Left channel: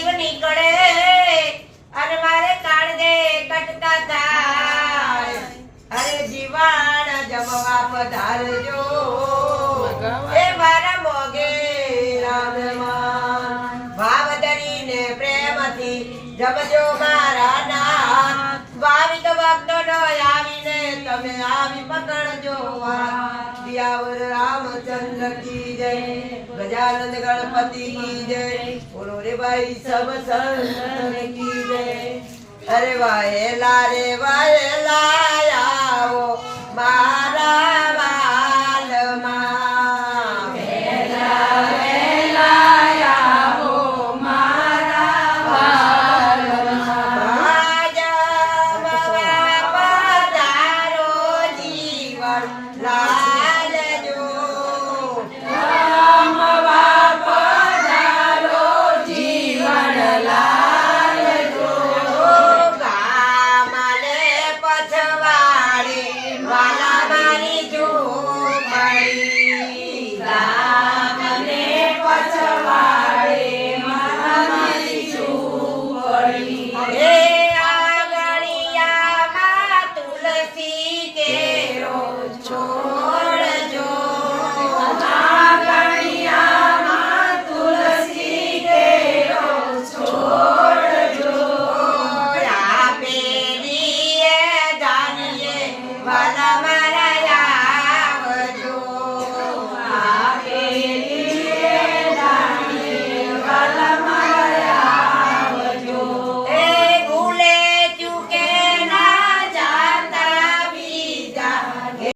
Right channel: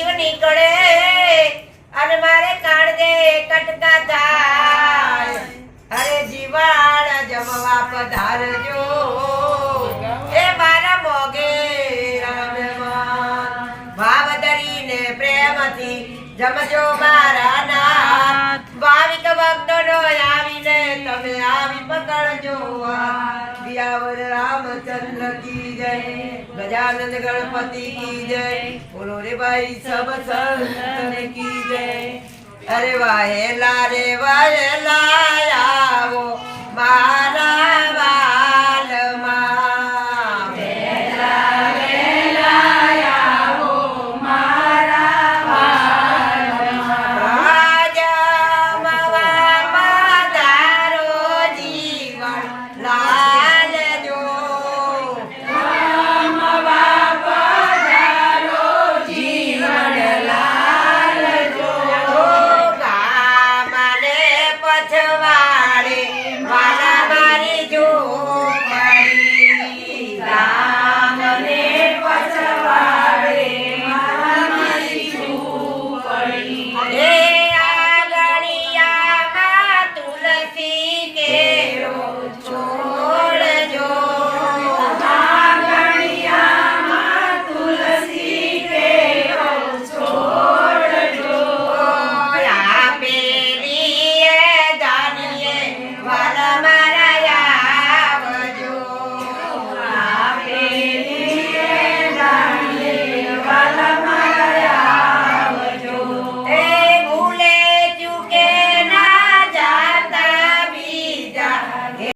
જીવ નીકળે અને મારે કાળજે કટકા થાય અરે જીવાણ જમવા પધારજો એ મારા મોગે રામમાં ભાવ ધરીને પ્રેમથી જમજો મારા નાથ ભાવિક ભક્તોનો આવીને તમે આવી પકડજો દિયાવર રામચંદ્ર કી જય ગજાનંદ ગણપતિ કી જય બોલો રે ભાઈ સબ સંતન કી જય અરે વાહેલા રે વાહેલા આવો મારા